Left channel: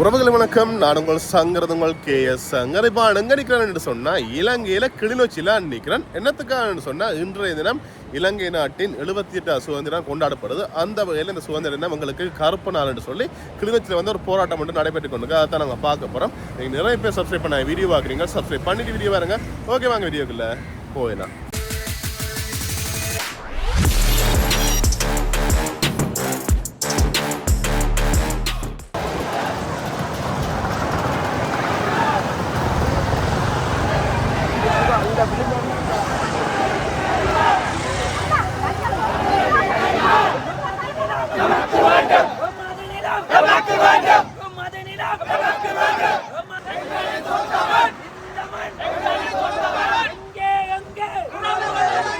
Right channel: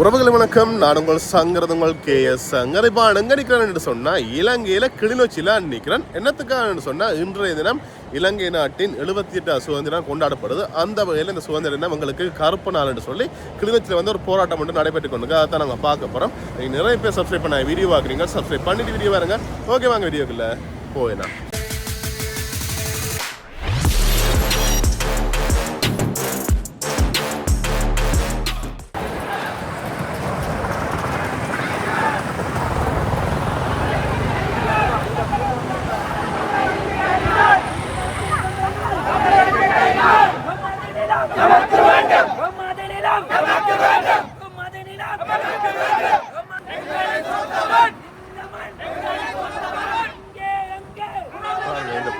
உறவுகள் வணக்கம். நான் உங்கள் சங்கரதுங்கள் KS சங்கர். இப்போ எங்கே நிற்கிறேன்னு சொன்னால் இலங்கையில் கிளிநொச்சியில் நிற்கிறேன். என்னத்துக்காக சொன்னால் இன்றைய தினம் இலங்கை நாட்டின் 78 சுதந்திரம் கொண்டாடப்படுது. அந்த வகையில் இந்த சுதந்திர தினம் எங்களுக்கு கருப்பு நாள் என்று சொல்லி கிளிநொச்சியில் வந்து ஒரு போராட்டம் மட்டும் நடைபெற்று கொண்டு அதான் நாங்கள் பார்க்க போகிறோம். நீங்கள் நிறைய பேர் சப்ஸ்கிரைப் பண்ண வீடியோ பார்க்குறீங்க, சப்ஸ்கிரைப் பண்ணிட்டு வீடியோ பாருங்க. ஓகே, வாங்க வீடியோக்குள்ள போயிடலாம்.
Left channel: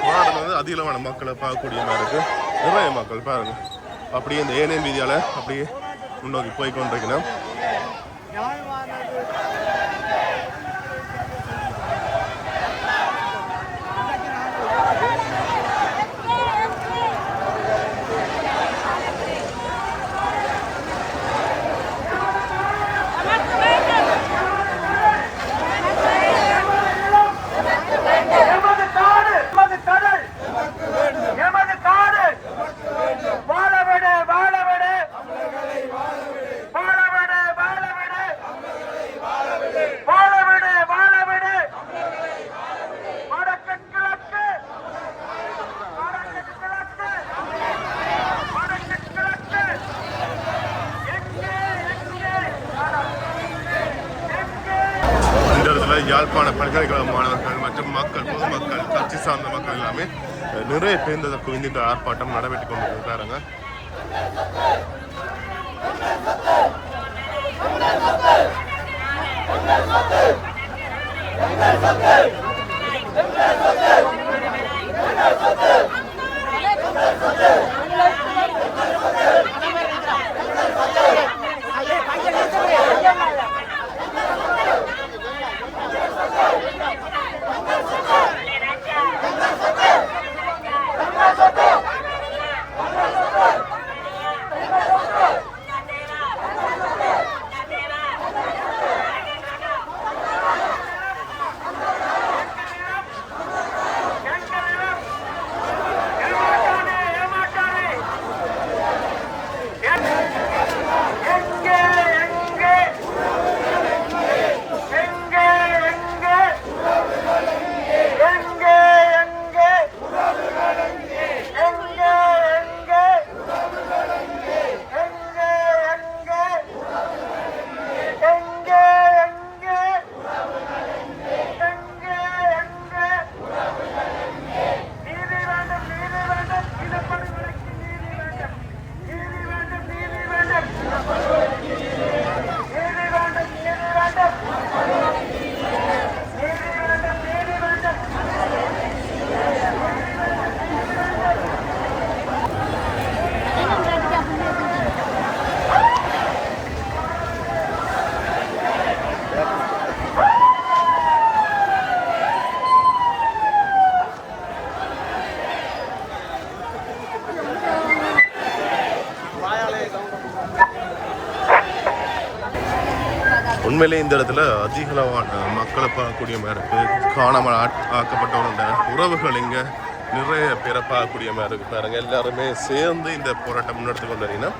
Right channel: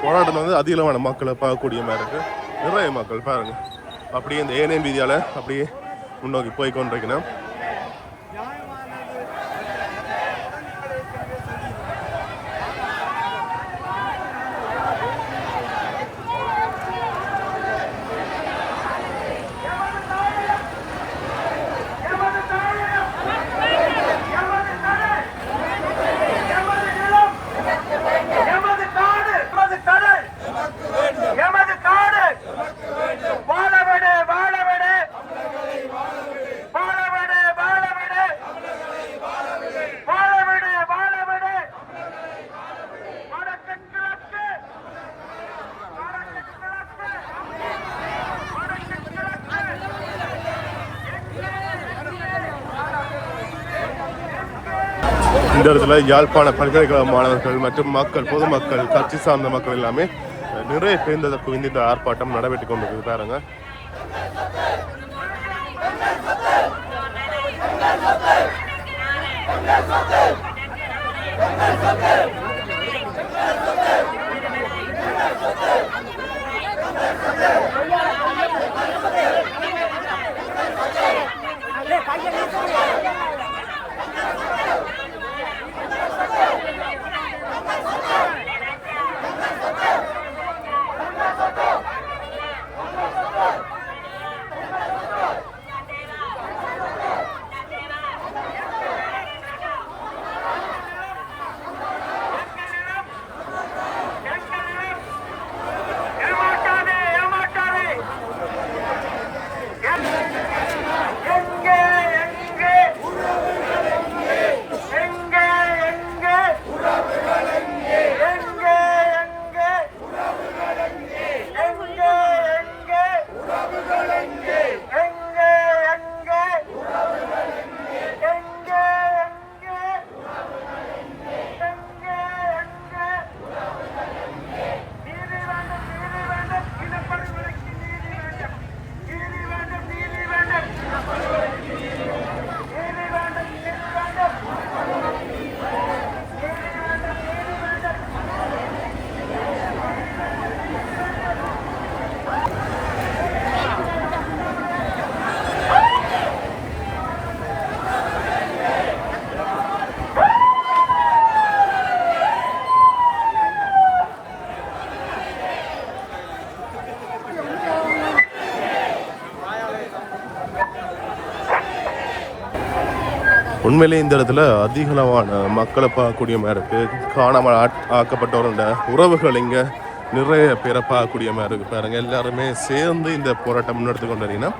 போராட்டம் வந்து அதிகமான மக்களை பார்க்கக்கூடிய மாதிரி இருக்கு. நிறைய மக்கள் பாருங்க, அப்படியே இந்த ஏனையம் வீதியால அப்படியே முன்னோக்கி போய் கொண்டிருக்கணும். இந்த இடத்துல யாழ்ப்பாண பல்கலைக்கழக மாணவர்கள் மற்றும் மக்கள், பொதுமக்கள், கட்சி சார்ந்த மக்கள் எல்லாமே நிறைய பேர் குவிந்து இந்த ஆர்ப்பாட்டம் நடைபெற்று கொண்டு பாருங்க. உண்மையிலே இந்த இடத்துல அதிகளவான மக்களை பார்க்கக்கூடிய மாதிரி இருக்கு. காணாமல் ஆக்கப்பட்டவரோட உறவுகள் இங்கே நிறைய பேரை பார்க்கக்கூடிய மாதிரி இருக்கு. பாருங்க, எல்லாருமே சேர்ந்து இந்த போராட்டம் முன்னெடுத்து கொண்டிருக்கீங்கன்னா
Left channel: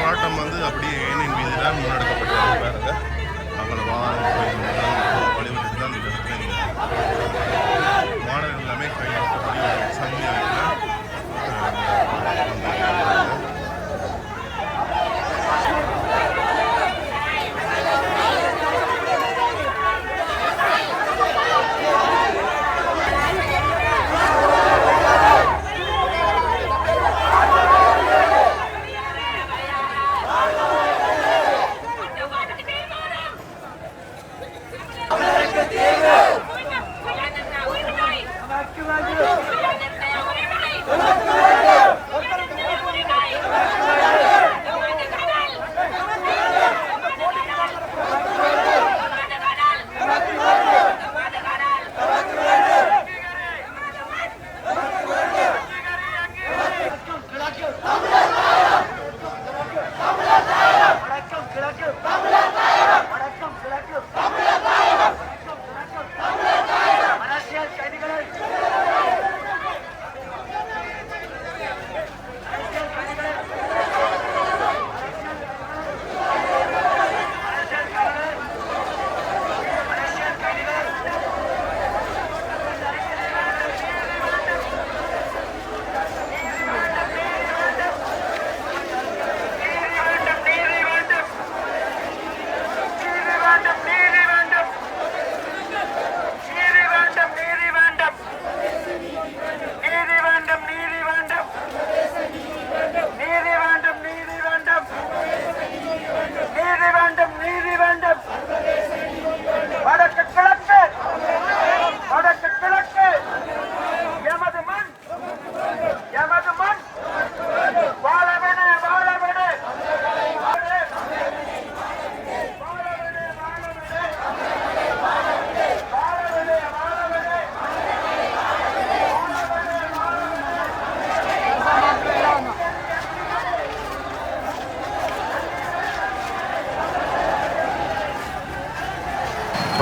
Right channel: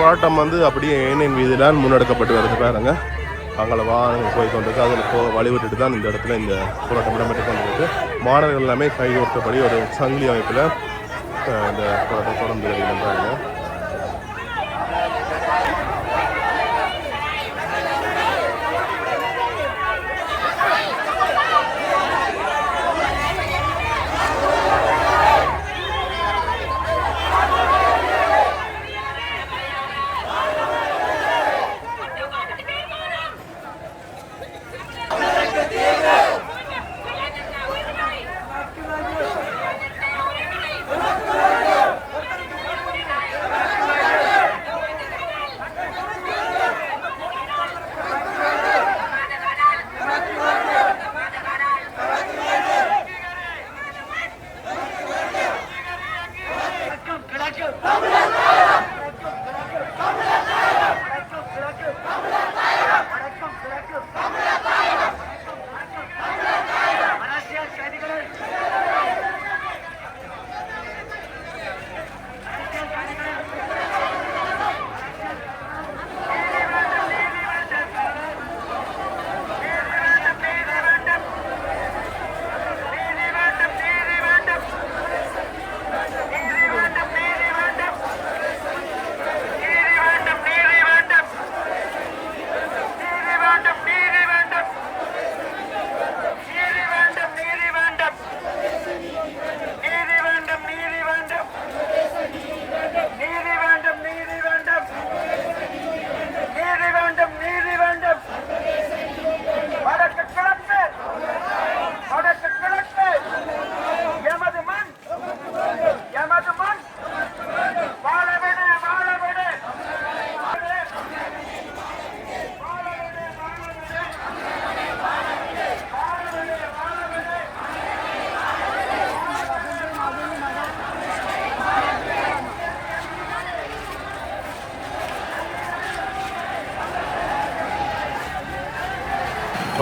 போராட்டம் வந்து அப்படியே ஏனைய மீதுதான் முன்னெடுக்கப்பட்டு வருது. பாருங்க, அங்கே வாகனங்கள் போய் கொண்டிருக்கு. அதில் போக வழிவிட்டு தான் இந்த இடத்துல இந்த போராட்டம் கொண்டிருக்கு. மாணவர்கள் எல்லாமே கைவிட்டபடி ஒரு சங்கிலி அமைப்பில் இந்த போராட்டம் தொடர்ந்து வந்தாங்க.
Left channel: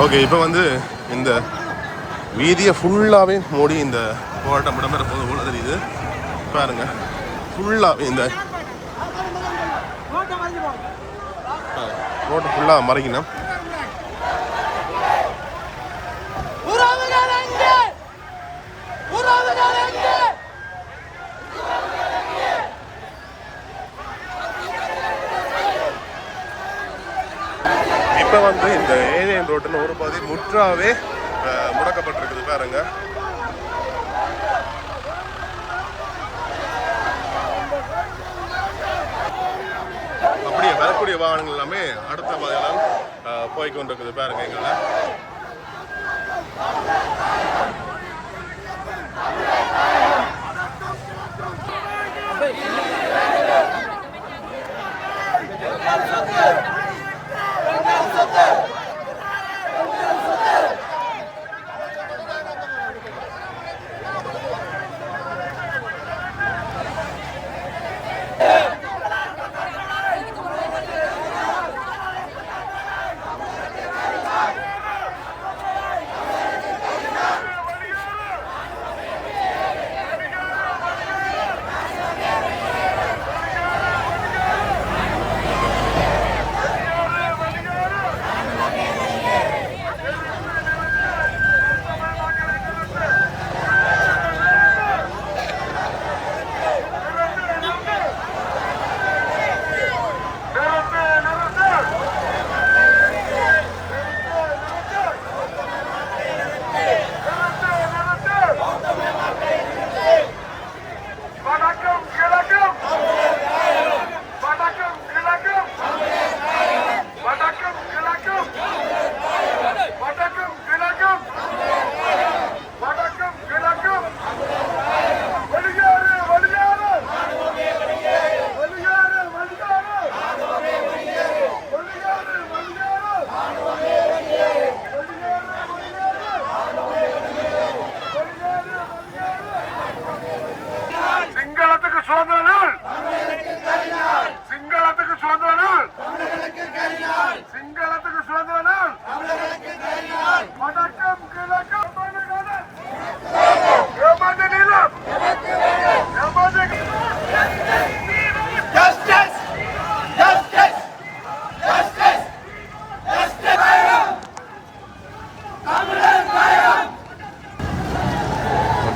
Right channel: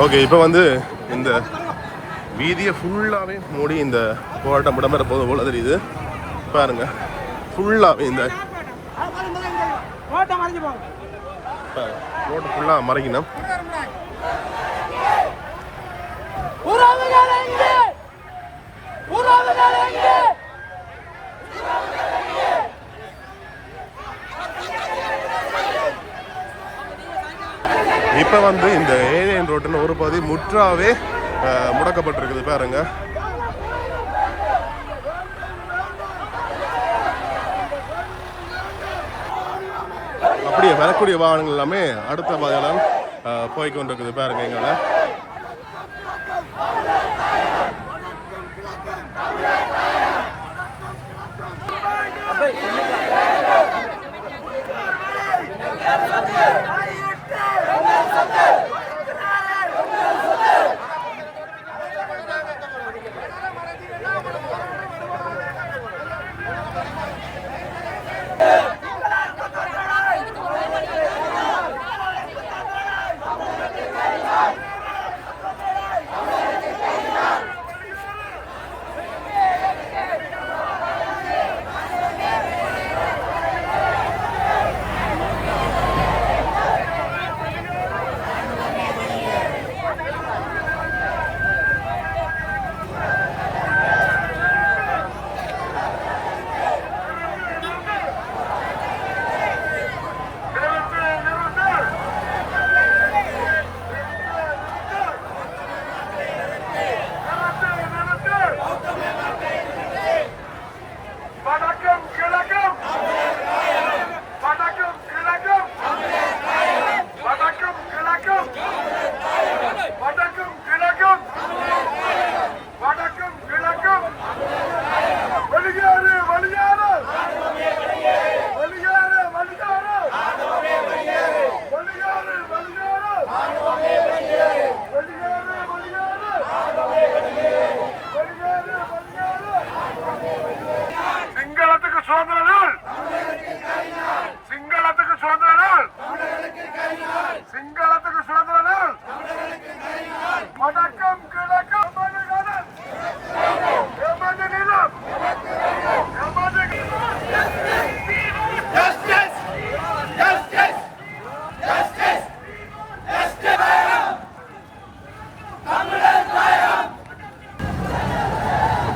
ஓகே, இப்போ வந்து இந்த வீதியை ஃபுல்லாகவே மூடி இந்த போராட்டம் இடம்பெற போது போல தெரியுது. பாருங்க, ஃபுல்லாகவே இந்த ரோட்டை ஃபுல்லாக மறைக்கணும். இப்போ வந்து இந்த ஏலியன் ரோட்டில் ஒரு பாதி முற்றாவே முடக்கப்பட்டிருக்குது. பாருங்க, அப்படியே வரக்கூடிய வாகனங்கள் எல்லாமே அடுத்த வகையெல்லாம் போய்க்கு வந்துருக்குது. பாருங்க, எங்களை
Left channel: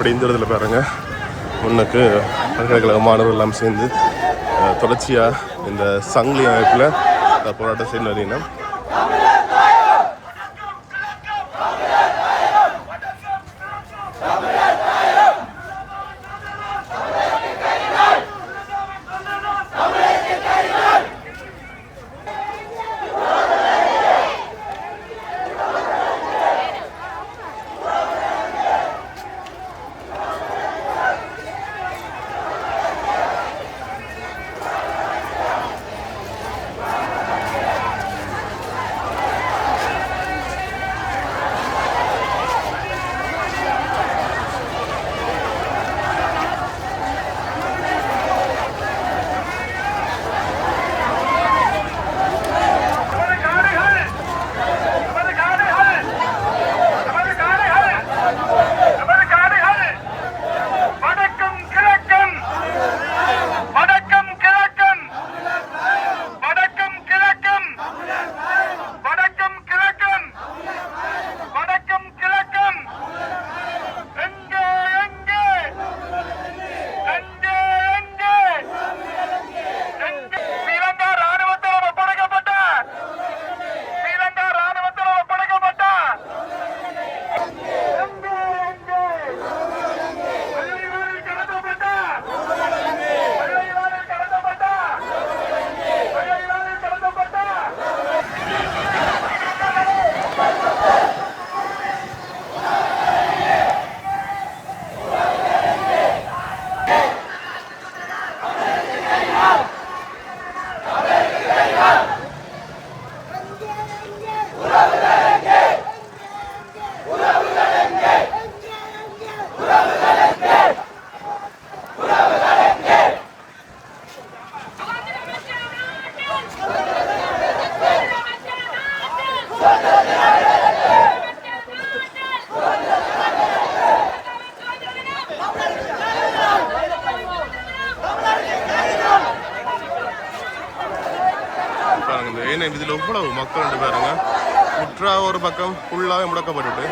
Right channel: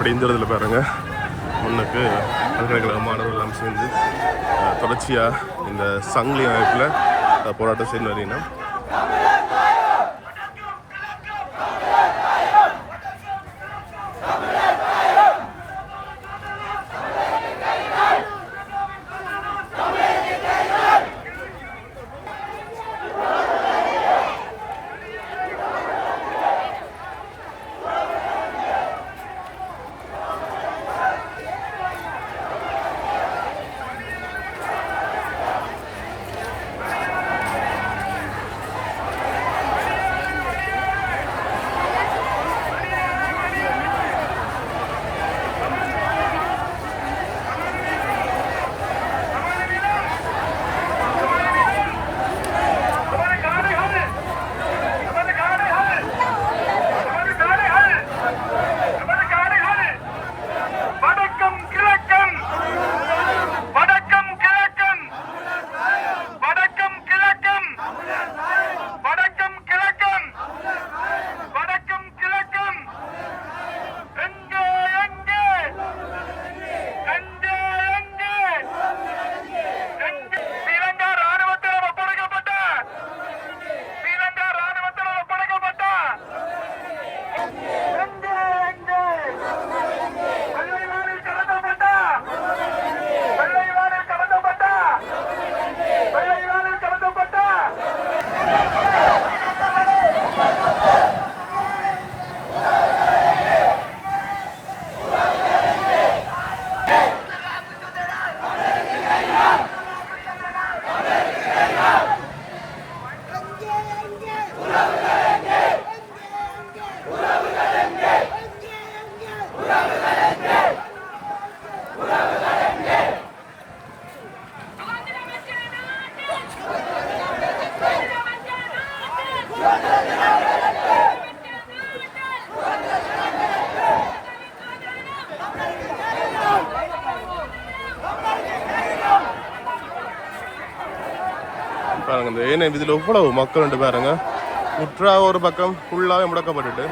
அப்படி இந்த இடத்துல பாருங்க முன்னுக்கு பல்கலைக்கழக மாணவர்கள் எல்லாம் சேர்ந்து தொடர்ச்சியாக இந்த சங்கிலி அமைப்பில் போராட்டம் செய்து வரீங்கன்னா பாருங்க இந்த ஏன்னா இதில் எவ்வளவு மக்கள் பாருங்க முற்றா ஒரு பக்கம் ஃபுல்லாகவே முடக்கப்பட்டுட்டு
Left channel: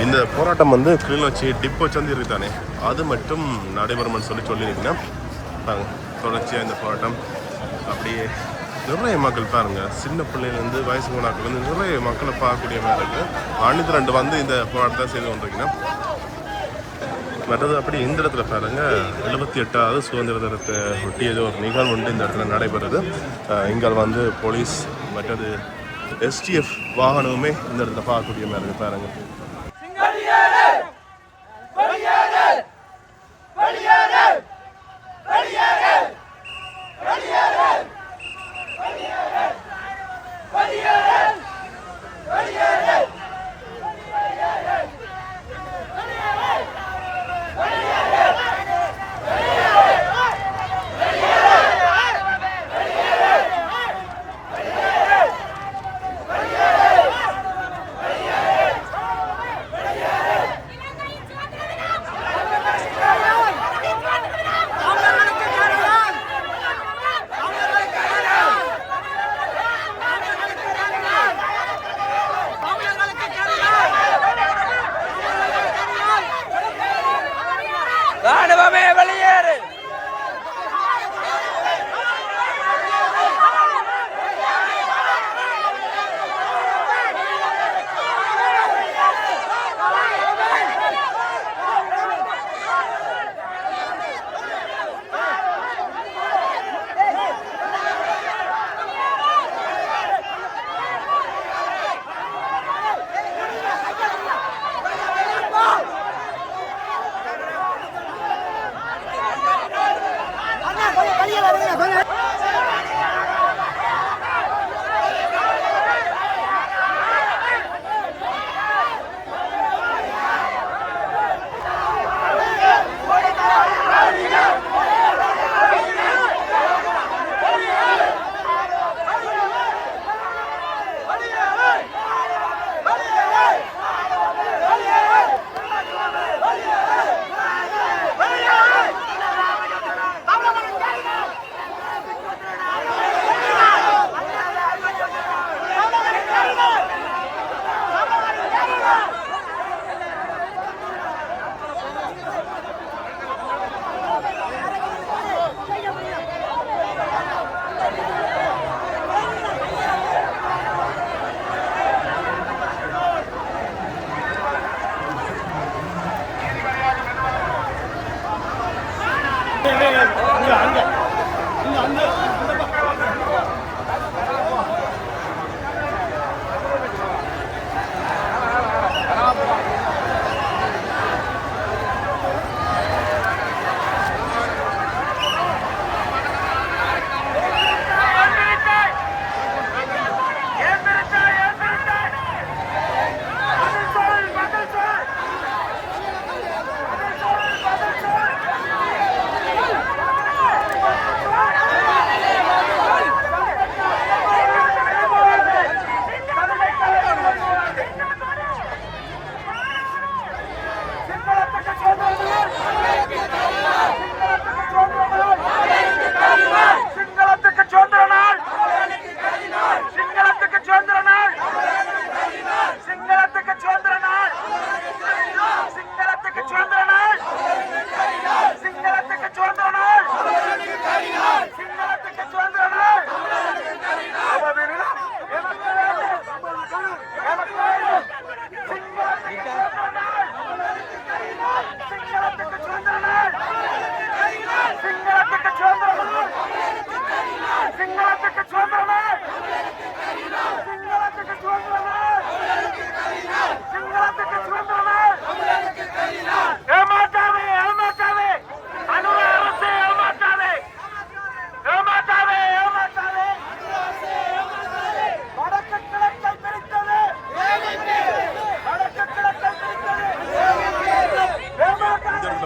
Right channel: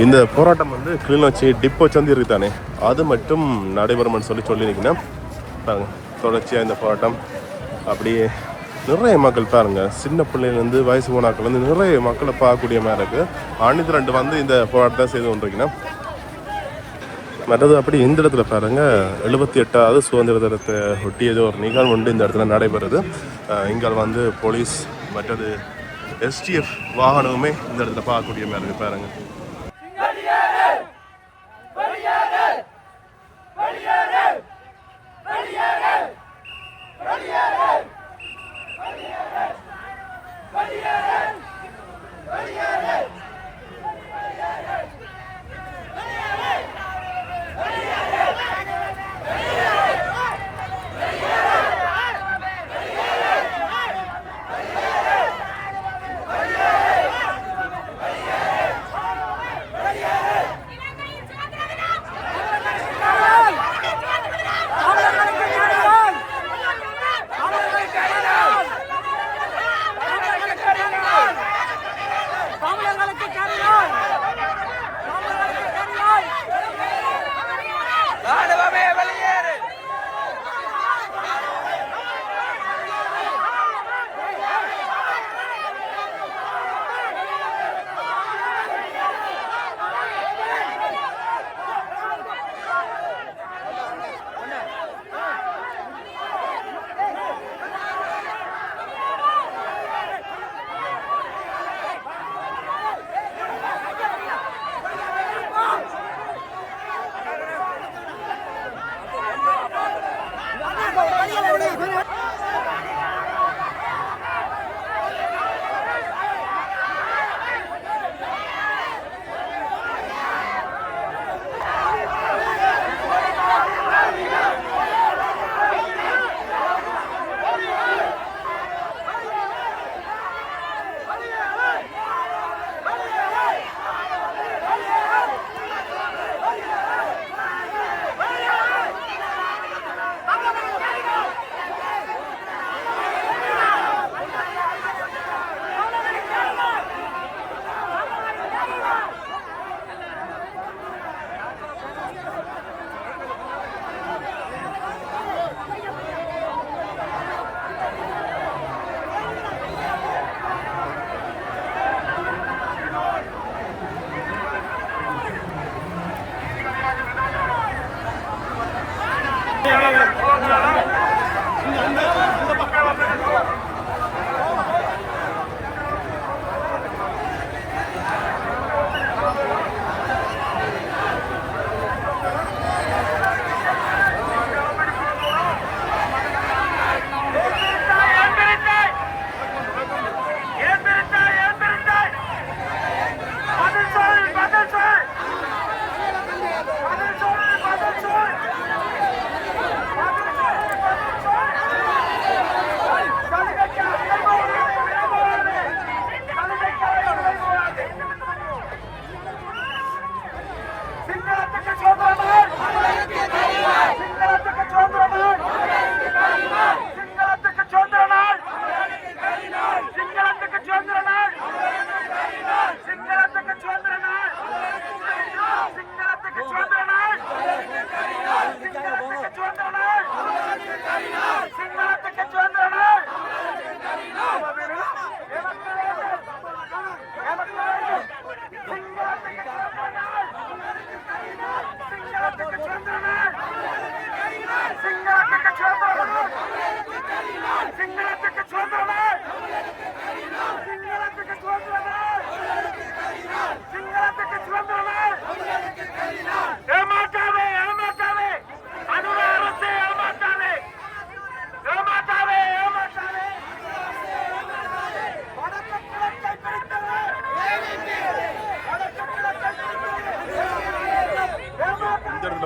இந்த போராட்டம் வந்து கிளிநொச்சி டிப்போ சந்தி இருக்குதானே அது மட்டும் நடைபெறும்னு சொல்லியிருக்கேன் பாருங்க. தொடர்ச்சியாக இந்த போராட்டம் அப்படியே நிறைய மக்கள் பாருங்க, சின்ன பிள்ளைலேருந்து வயசு போனாக்கள் வந்து நிறைய மக்களை பார்க்கக்கூடிய மாதிரி இருக்குது. அணிந்து ரெண்டு வந்து இந்த போராட்டத்தை செய்து கொண்டிருக்கேன். மற்றது அப்படி இந்த இடத்துல பாருங்க 78வது சுதந்திர தினத்தை ஒட்டியது ஒரு நிகழ்வு உண்டு இந்த இடத்துல நடைபெறுது. இங்கே வந்து போலீஸ் மற்றது எஸ்டிஎஃப் வாகனமுமே இந்த இடத்துல பார்க்கக்கூடிய மாதிரி இருக்கு பாருங்க.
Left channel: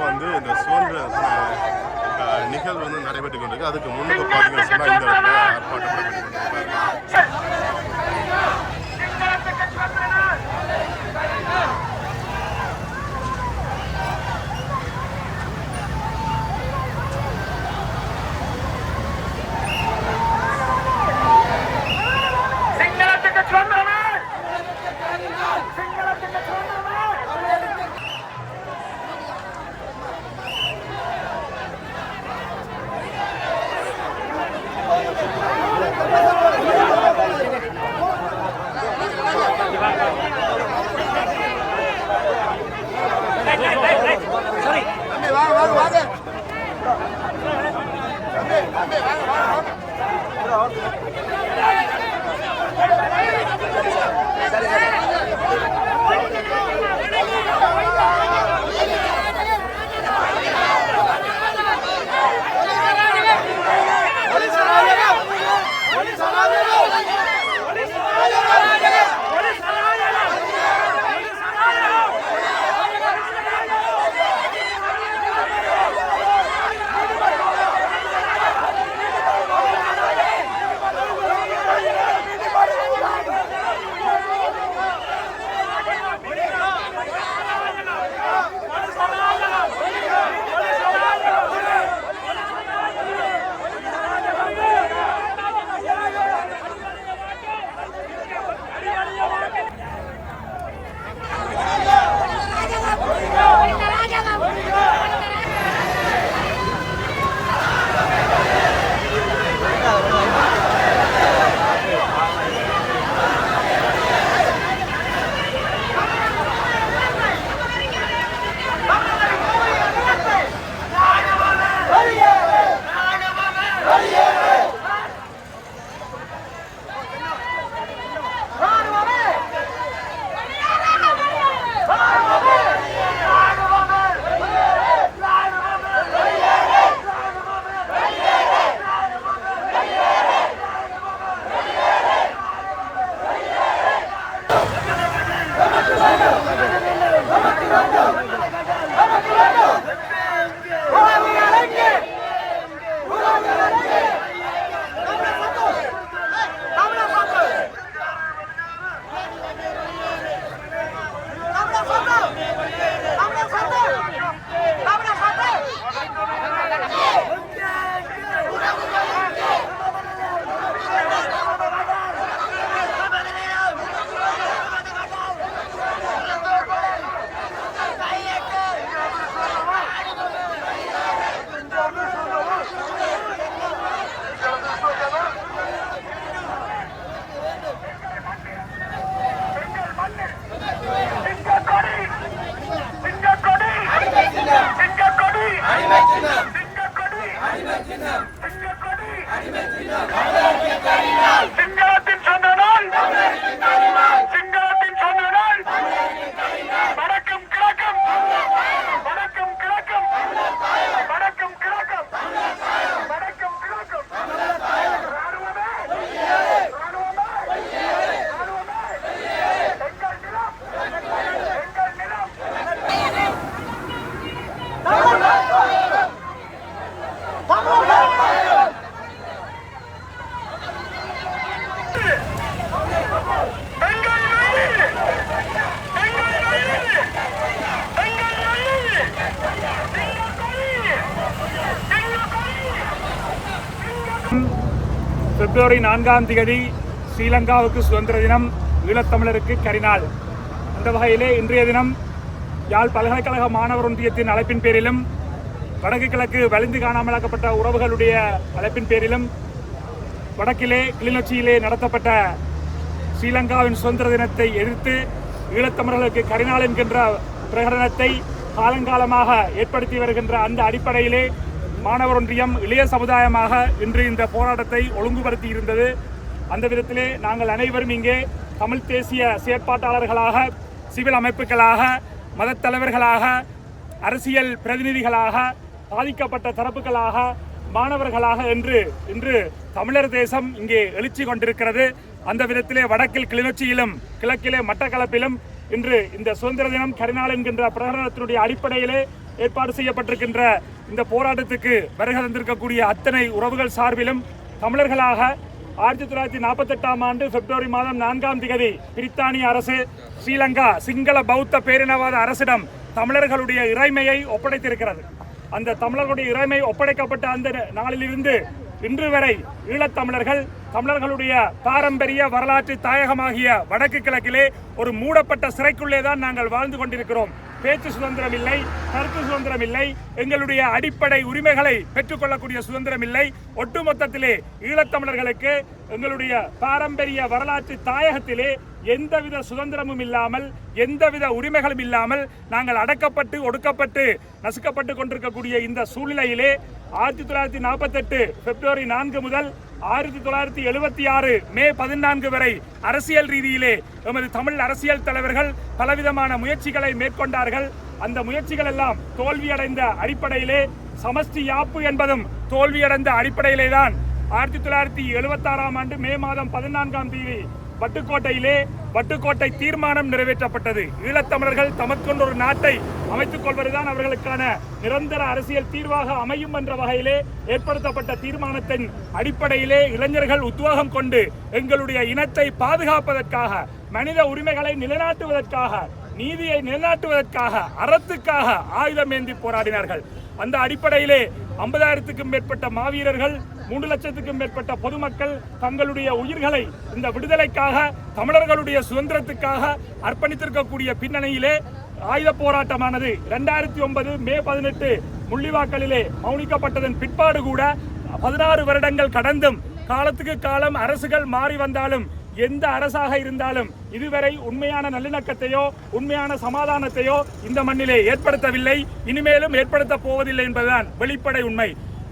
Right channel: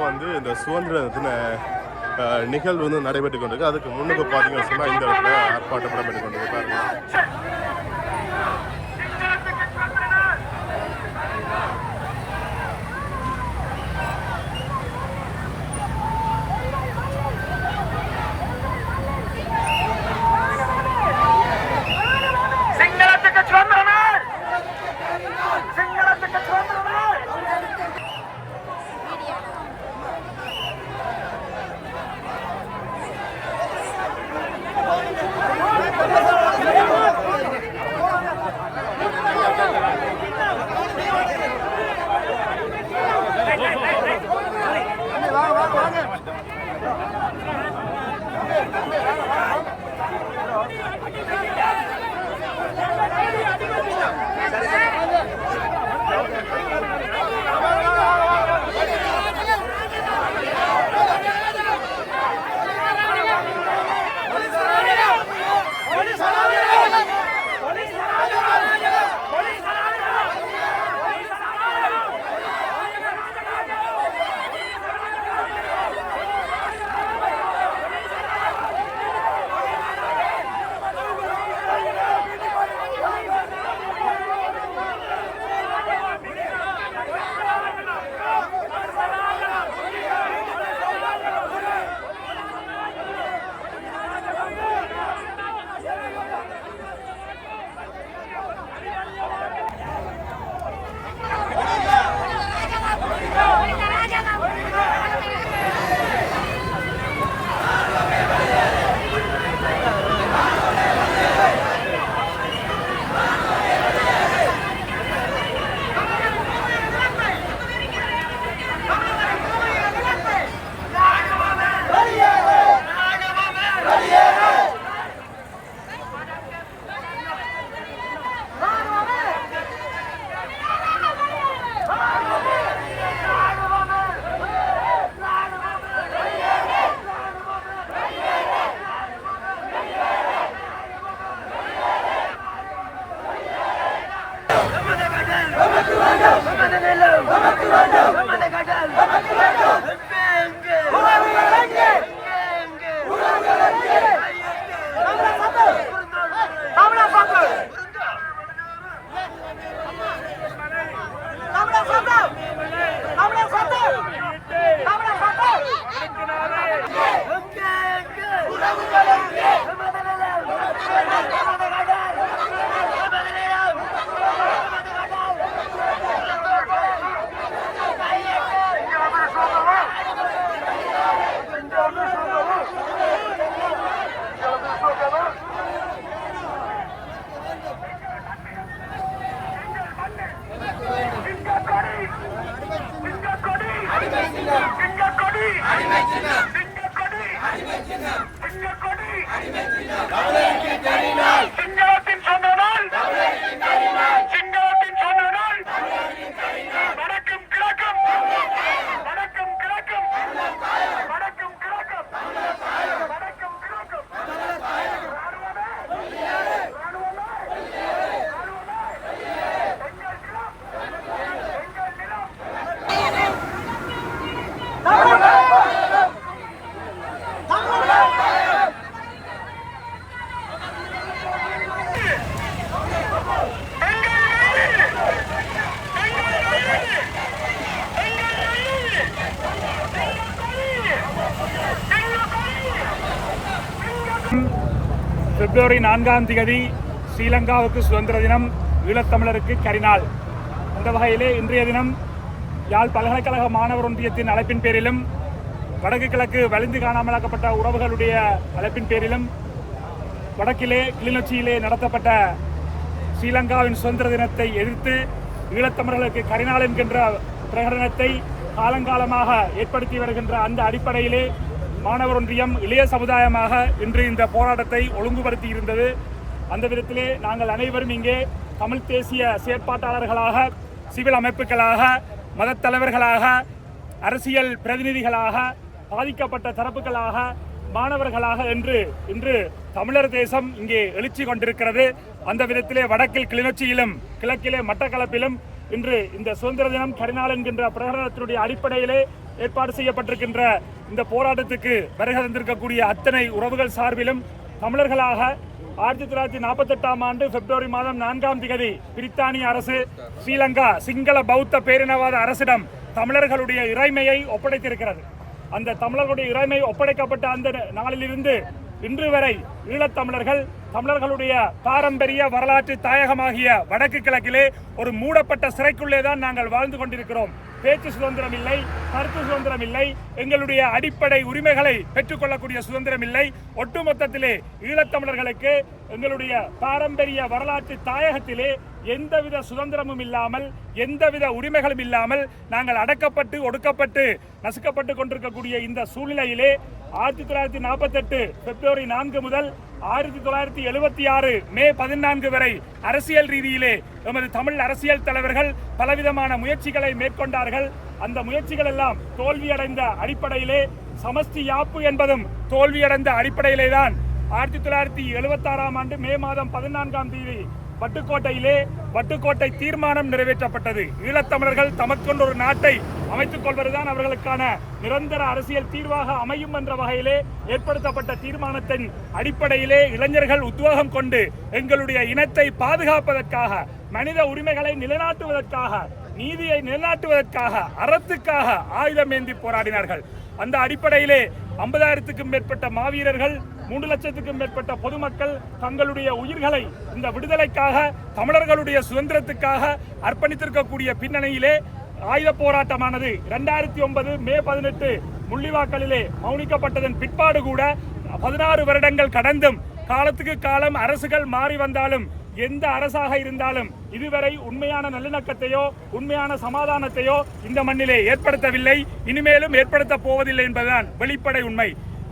வந்து இந்த சுதந்திர தின நிகழ்வு வந்து நடைபெற்று கொண்டிருக்கு. அதுக்கு முன்னுக்கு பார்த்தீங்கன்னு சொன்னால் இந்த இடத்துல ஆர்ப்பாட்டம் நடைபெற்று கொண்டிருக்கு பாருங்க. பிப்ரவரி 4ஆம் தேதி ஸ்ரீலங்காவுக்கு சுதந்திர தினம், ஈழத்தமிழருக்கு கரிநாள். அந்த வகையிலே இன்றைய தினம் யாழ் பல்கலைக்கழக மாணவர் ஒன்றியத்தின் அழைப்பின் பேரிலும் வடக்கு கிழக்கு வலிந்து காணாமலாக்கப்பட்ட உறவுகளுடைய அழைப்பின் பேரிலும் வடக்கிலே கிளிநொச்சியிலே நடத்தப்பட்ட ஸ்ரீலங்காவின் சுதந்திர தினத்தை எதிர்த்து ஈழத்தமிழர்களுக்கு கரிநாள் என்கின்ற பிரகடனத்தை காலங்காலமாக ஏற்படுத்தி வருகின்ற அந்த அடிப்படையிலே மாணவர் ஒன்றியம் இளைய சமுதாயமாக இன்று இந்த போராட்டத்தை ஒழுங்குபடுத்தி இருந்தது. அந்த விதத்திலே நாங்கள் அனைவரும் இங்கே தமிழ் தேசிய செயற்பாட்டாளர்களாக, சிவில் அமைப்புகளாக, மதத் தலைவர்களாக, அரசியல் பிரதிநிதிகளாக, பாதிக்கப்பட்ட தரப்புகளாக, மாணவர்களாக என்று இன்று தமிழர் தேசம் இங்கே எழுச்சி கொண்டிருக்கிறது. அந்த விதத்திலே வடக்கில் கிளிநொச்சியிலும் கிழக்கிலே மட்டக்களப்பிலும் இன்று இந்த சுதந்திர தினம் கரிநாள் என்கின்ற பிரகடனத்தினுடைய அடிப்படையிலே ஏற்பாடு செய்யப்பட்டிருக்கின்ற இந்த போராட்டத்துக்கு வருகை தந்திருக்கக்கூடிய அத்தனை உறவுகள் சார்பிலும் தமிழர்களாக 1948ஆம் ஆண்டு பிப்ரவரி மாதம் 4ஆம் தேதி பிரித்தானிய அரசு ஸ்ரீலங்கா சிங்கள பௌத்த பேரினவாத அரசிடம் தமிழர்களுடைய இறைமையை ஒப்படைத்திருக்கிறது. அந்த தமிழர்களுடைய இறைமை ஒப்படைக்கப்பட்ட அந்த நாளிலிருந்து இன்று வரை ஈழத்தமிழர்கள் தமிழர்களுடைய பாரம்பரிய வரலாற்று தாயகமாகிய வடக்கு கிழக்கிலே ஒரு மூடப்பட்ட சிறைக்குள்ளே தான் நாங்கள் வாழ்ந்து கொண்டிருக்கிறோம். பேச்சு சுதந்திரம் இல்லை, கருத்து சுதந்திரம் இல்லை, எங்களுடைய அடிப்படை உரிமைகளை பெற்றுக்கொள்ளக்கூடிய சுதந்திரம் இல்லை. ஒட்டுமொத்தத்திலே ஈழத்தமிழர்களுக்கு எங்களுடைய பாரம்பரிய வரலாற்று தாயகத்திலே எந்தவித சுதந்திரமும் இல்லாமல் எந்தவித உரிமைகளும் இல்லாமல் நாங்கள் அடக்கப்பட்டு ஒடுக்கப்பட்டு நசுக்கப்பட்டு கொண்டிருக்கக்கூடிய இந்த சூழ்நிலையிலே 1948 பிப்ரவரி 4 முதல் 1976 மே 14 வரை அரசியல் ரீதியிலே எமது தமிழ் அரசியல் தலைவர்கள் பலவிதமான முயற்சிகளை மேற்கொண்டார்கள். அந்த முயற்சிகள் எல்லாம் தோல்வியடைந்த அடிப்படையிலே சமஷ்டி யாப்பு என்பதும் தோல்வியடைந்த அடிப்படையிலே தான் 1976 ஆண்டு மே மாதம் 14ஆம் தேதி வட்டுக்கோட்டை தீர்மானம் நிறைவேற்றப்பட்டது. ஈழத்தமிழர்கள் தமக்கொண்டு ஒரு நாட்டை அமைத்துக் கொள்வதுதான் அவர்களுக்கான நிரந்தர அரசியல் தீர்வாக அமையும் என்ற வகையிலே ஏற்படுத்தப்பட்ட தீர்மானத்தின் அடிப்படையிலே இளைஞர்கள் உத்வேகம் கொண்டு எங்களுடைய இனத்தை பாதுகாப்பதற்காக, மனித உரிமைகளை நிலைநாட்டுவதற்காக, நீதியை நிலைநாட்டுவதற்காக, அறத்துக்காக ஆயுதம் ஏந்தி போராடினார்கள். அந்த அடிப்படையிலே 50,000க்கும் மேற்பட்ட மாவீரர்கள், 3 லட்சத்துக்கும் மேற்பட்ட பொதுமக்கள் தங்களுடைய உயிர்களை இந்த விடுதலைக்காக, தமிழர்களுடைய சுதந்திரத்துக்காக அர்ப்பணித்திருக்கக்கூடிய பின்னணியிலே ஆயுத போராட்டமானது 2009 மே 18 முள்ளிவாய்க்காலிலே மௌனிக்கப்பட்டதன் பிற்பாடு கூட 16 வருடங்கள் கடந்தும் காலத்துக்கு காலம் அரசுகள் மாறி வந்தாலும் எந்த அரசாக இருந்தாலும் இதுவரை உண்மையான நல்லிணக்கத்தையோ உண்மையான சமாதானத்தையோ இந்த மண்ணிலே ஏற்படுத்தவில்லை, இனிமேலும் ஏற்படுத்த போவதில்லை என்பதுதான் வெளிப்படை உண்மை.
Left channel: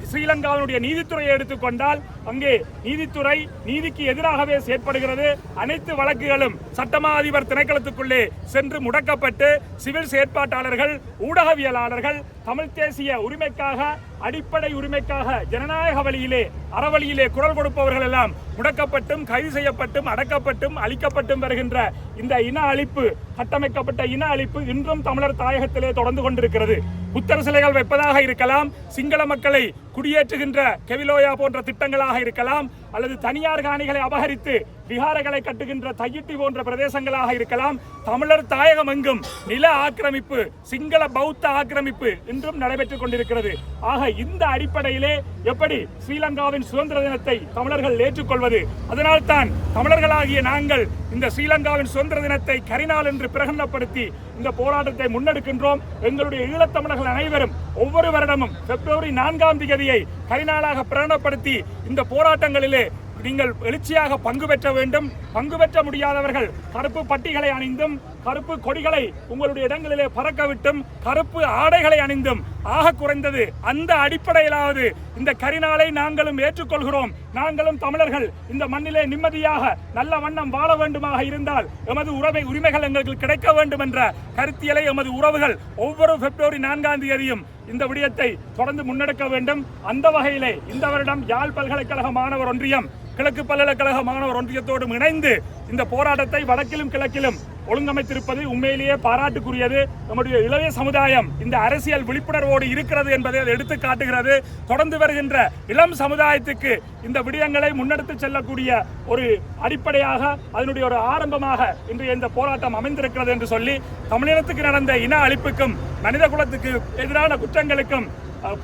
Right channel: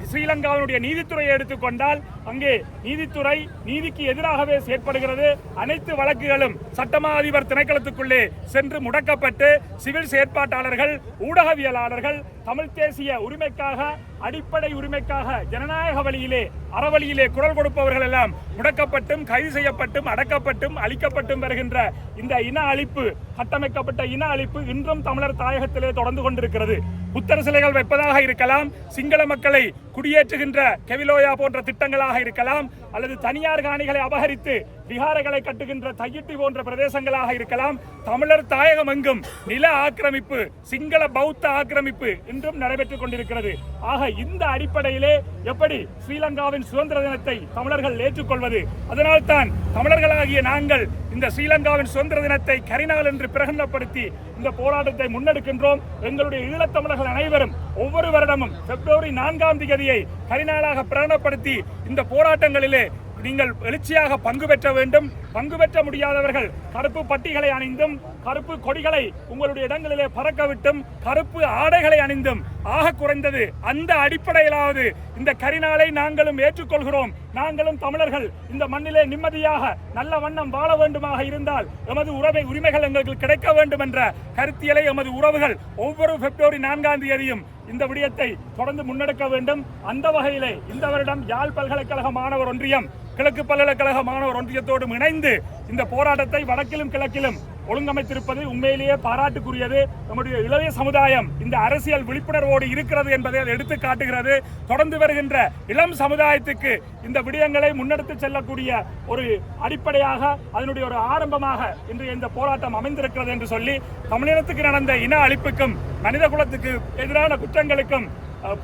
ஸ்ரீலங்காவினுடைய நீதித்துறையை எடுத்துக்கொண்டால் அங்கே நீதித்துறை நீதிக்கு எதிராகவே செயற்படுகிறது. அனைத்து வழக்குகளும் சட்டமா அதிபர் திணைக்களத்துக்குள்ளே சென்று முடக்கப்பட்டு சிவில் செயற்பாட்டாளர்கள், ஊடகவியலாளர்கள் தமிழ் தேசிய உரிமைக்காக, அடிப்படை உரிமைக்காக ஜனநாயக வழியிலே அறவழியிலே குரல் கொடுப்பவர்கள் எல்லாம் முடக்கப்பட்டும் கைது செய்யப்பட்டும் அடக்கப்பட்டும் அழிக்கப்பட்டும் வருகின்ற இந்த இன அழிப்பு, கட்டமைக்கப்பட்ட இன அழிப்பு இன்றும் தமிழர் தாயகத்திலே தொடர்ந்து கொண்டிருக்கிறது. புத்தர் சிலைகள் வைப்பதாக இருக்கலாம், சிங்கள மக்களை குடியேற்றுகின்ற கெவிலோயா போன்ற திட்டங்களாக இருக்கலாம், அல்லது தனியார் காணிகளை அபகரித்து விகாரைகளை கட்டுகின்ற தையிட்டி போன்ற பிரதேசங்களாக இருக்கலாம். தமிழர் தாயகம் எங்கும் நில ஆக்கிரமிப்பு, சிங்கள பௌத்த ஆக்கிரமிப்பு இன்றும் நடைபெற்றுக் கொண்டிருக்கிறது. ஆக இந்த அடிப்படையிலே எப்படி ஸ்ரீலங்காவின் சுதந்திர தினத்தை தமிழர்கள் ஏற்றுக்கொள்வது? அதனால் தான் தமிழர்களாகிய நாங்கள் இந்த ஸ்ரீலங்காவின் சுதந்திர தினத்தை கரிநாள் என்று பிரகடனப்படுத்தி இந்த போராட்டத்தை முன்னெடுக்கின்றோம். எங்களுடைய ஈழத்தமிழர்கள் அனைவரும் ஒவ்வொரு வருடமும் பிப்ரவரி 4ஆம் தேதியை கரிநாளாக பிரகடனப்படுத்தி இந்த போராட்டங்களிலே நீங்கள் எழுச்சியாக பங்கு பெற்ற வேண்டும். பங்கு பெற்ற முடியாதவர்கள் கருப்பு பட்டிகளை அணிந்தும், கருப்பு கொடிகளை உங்களுடைய இடங்களிலே பறக்கவிட்டும், கருப்பு ஆடைகளை அணிந்தும், ஆக குறைந்தது அந்த அடிப்படையிலாவது இந்த கரிநாளை நாங்களும் ஏற்றுக்கொள்கிறோம். நாங்களும் தமிழர்கள் இந்த மண்ணிலே நிம்மதியாக நல்ல வண்ணம் வாழ வேண்டுமாக இருந்தால் எமது உரிமைகள் எங்களுக்கு கிடைக்க வேண்டும் என்ற கருத்தியலை எமது உறவுகள் ஒவ்வொரு பிப்ரவரி 4ஆம் தேதியும் இந்த விடயத்தை தொடர்ந்து முன்னெடுக்க வேண்டும். அந்த வகையிலே இந்த வருடம் யாழ் பல்கலைக்கழக மாணவர் ஒன்றியம் கிழக்கு பல்கலைக்கழக மாணவர் ஒன்றியத்தோடு இணைந்து இந்த போராட்டத்தை வடக்கிலும் கிழக்கிலும் ஒழுங்கமைத்திருப்பது உண்மையிலேயே பாராட்டுக்குரியது. நம்முடைய இளைய சமுதாயம் இந்த அரசியல் விழிப்புணர்வோடு இருக்கிறது என்பதை அது எடுத்து காட்டுகிறது. தொடர்ந்து வருகின்ற இளம் சமுதாயத்துக்கு இந்த விடயங்களை முன்னெடுத்து செல்லக்கூடிய ஒரு அடிப்படையாக, அதனுடைய ஒரு ஆரம்பமாக இன்று இந்த போராட்டம் அமைந்திருக்கிறது என்று சொல்லி, தமிழினத்துக்கு நடந்த இன அழிப்புக்கும், மனித குலத்துக்கு எதிரான குற்றங்களுக்கும்,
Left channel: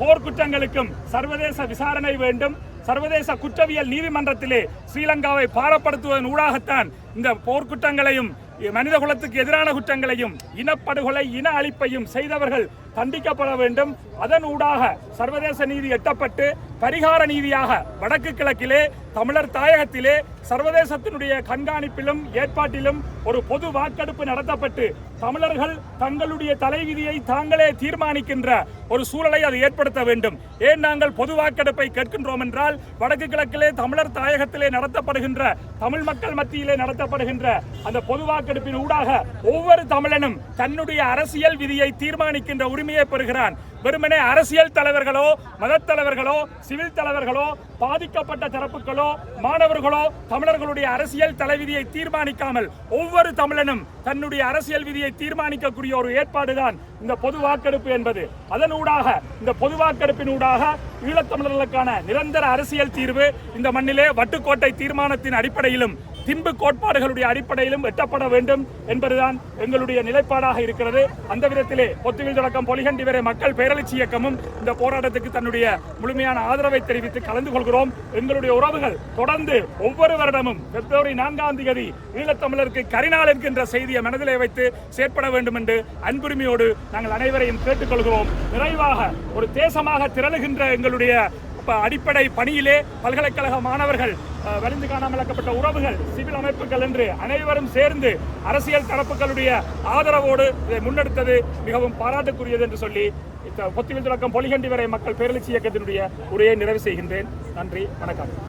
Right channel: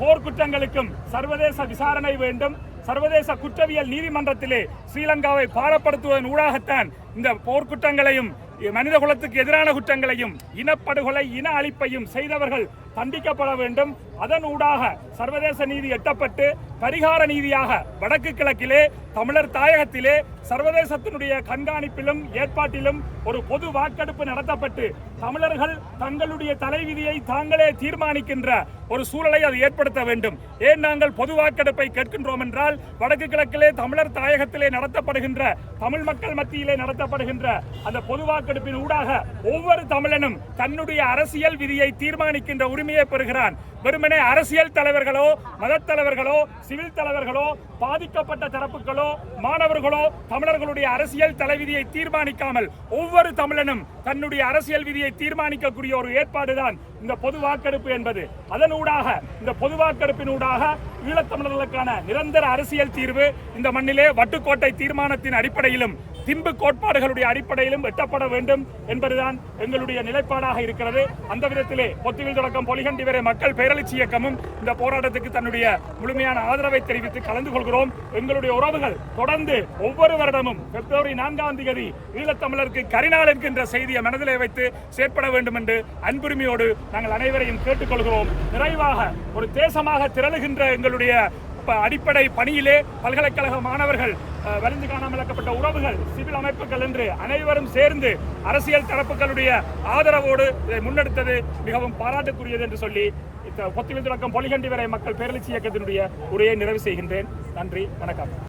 போர் குற்றங்களுக்கும் சர்வதேச விசாரணை வேண்டும். சர்வதேச குற்றவியல் நீதிமன்றத்திலே ஸ்ரீலங்காவை பாரப்படுத்துவதன் ஊடாகத்தான் இந்த போர்க்குற்றங்களையும் மனித குலத்துக்கு எதிரான குற்றங்களையும், இனப்படுகொலை, இன அழிப்பையும் செய்தவர்கள் தண்டிக்கப்பட வேண்டும். அதன் ஊடாக சர்வதேச நீதி எட்டப்பட்டு பரிகார நீதியாக வடக்கு கிழக்கிலே தமிழர் தாயகத்திலே சர்வதேசத்தினுடைய கண்காணிப்பிலும் ஏற்பாட்டிலும் ஒரு பொது வாக்கெடுப்பு நடத்தப்பட்டு தமிழர்கள் தங்களுடைய தலைவிதியை தாங்களே தீர்மானிக்கின்ற ஒரு சூழலை அது ஏற்படுத்த வேண்டும். ஏன் நாங்கள் பொது வாக்கெடுப்பை கேட்கின்றோம் என்றால், வடக்கு கிழக்கிலே தமிழர் தாயகத்திலே நடத்தப்படுகின்ற, தமிழ் மக்கள் மத்தியிலே நடத்தப்படுகின்ற அந்த பொது வாக்கெடுப்பின் ஊடாக ஒவ்வொரு தமிழனும் தன்னுடைய அரசியல் விதியை தீர்மானிக்கின்ற உரிமையை பெறுகிறான். வெறுமனே அரசியல் தலைவர்களோ, மத தலைவர்களோ, சிவில் தலைவர்களோ, பாதிக்கப்பட்ட தரப்புகளோ, மாணவர்களோ தமிழர்களுடைய அரசியல் தலைவிதியை தீர்மானிக்காமல் ஒவ்வொரு தமிழனும் தன்னுடைய அரசியல் விதியை தீர்மானிக்கக்கூடிய ஒரு ஏற்பாடுதான் இந்த பொது வாக்கெடுப்பு என்பது. அதனூடாக, இந்த பொது வாக்கெடுப்பினூடாக ஈழத்தமிழர்களுக்கான நிரந்தர அரசியல் தீர்வு இந்த மண்ணிலே வட்டுக்கோட்டை தீர்மானத்தின் அடிப்படையிலும் திம்பு கோட்பாடுகளுடைய அடிப்படையிலும் எட்டப்பட வேண்டும் என்பதுதான் எங்களுடைய நிலைப்பாடாக இருக்கிறது. அந்த விதத்திலே பொத்துவில் தொடக்கம் பொலிகண்டி வரை மக்கள் பேரெழுச்சி இயக்கமும் இந்த போராட்டத்துக்கு தன்னுடைய முழுமையான ஆதரவை தெரிவித்து கலந்து கொள்கிறோம். எங்களுடைய உறவுகள் தொடர்ந்து ஒவ்வொரு வருடமும் பிப்ரவரி 4ஆம் தேதி ஈழத்தமிழருக்கு கரிநாள் என்கின்ற செய்தியை மனதிலே வைத்து செயற்பட வேண்டும் என்று அன்புரிமையோடு நாங்கள் அனைவரையும் கேட்டுக்கொள்கிறோம். நிறைவாக ஒரு தேசமாக திரளுகின்ற எங்களுடைய அடிப்படை பணியிலே பல்கலைக்கழக மாணவர்கள் வலிந்து காணாமலாக்கப்பட்ட உறவுகள் சிவில் அமைப்புகள் என்று அனைவரும் சேர்ந்து அரசியல் தரப்புகளுடைய ஆதரவோடு இதை முன்னெடுத்தது மிகவும் பாராட்டுக்குரியது என்று சொல்லி பொத்திவில் தொடக்கம் பொலிகண்டி வரை மக்கள் பேரெழுச்சி இயக்கத்தினுடைய உரையை நிறைவு செய்கின்றேன். நன்றி, வணக்கம்.